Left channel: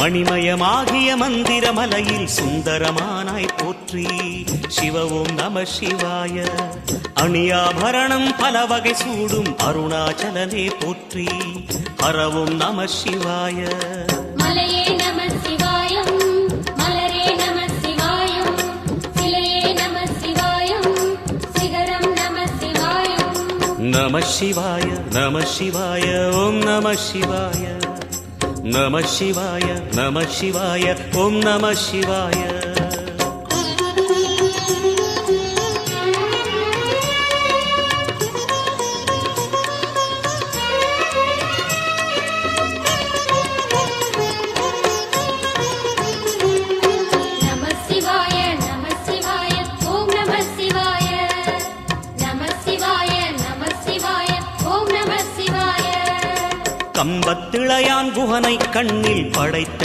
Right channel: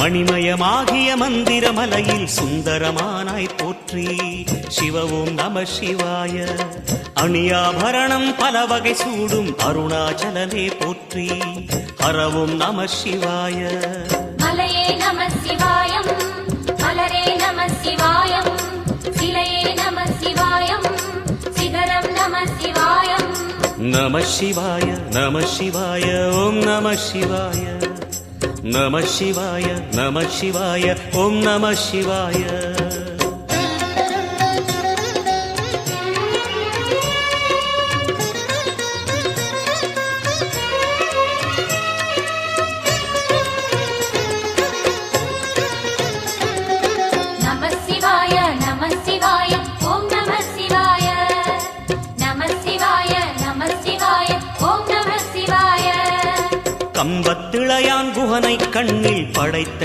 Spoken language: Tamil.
மணிமயமாகிய மந்திரமலையில் சுந்தரமானாய் போற்றி. சிவ ஓம் நம சிவாய. அணியாபரணம் பல வகை சூடும் அருணாச்சலனே போற்றி. ஹர ஓம் நம சிவாய. மலையே நம சிவாயம், மலரே நம சிவாயம், சிலையே நம சிவாயம், சிகரம் நம சிவாயம். நம சிவாய நம சிவாய ஓம் நம சிவாய. நம சிவாய நம சிவாய ஓம் நம சிவாய. நம சிவாய நம சிவாய ஓம் நம சிவாய. நம சிவாய நம சிவாய ஓம் நம சிவாய. கம்பத்திளையான் குகனை கண்ணில் படைத்த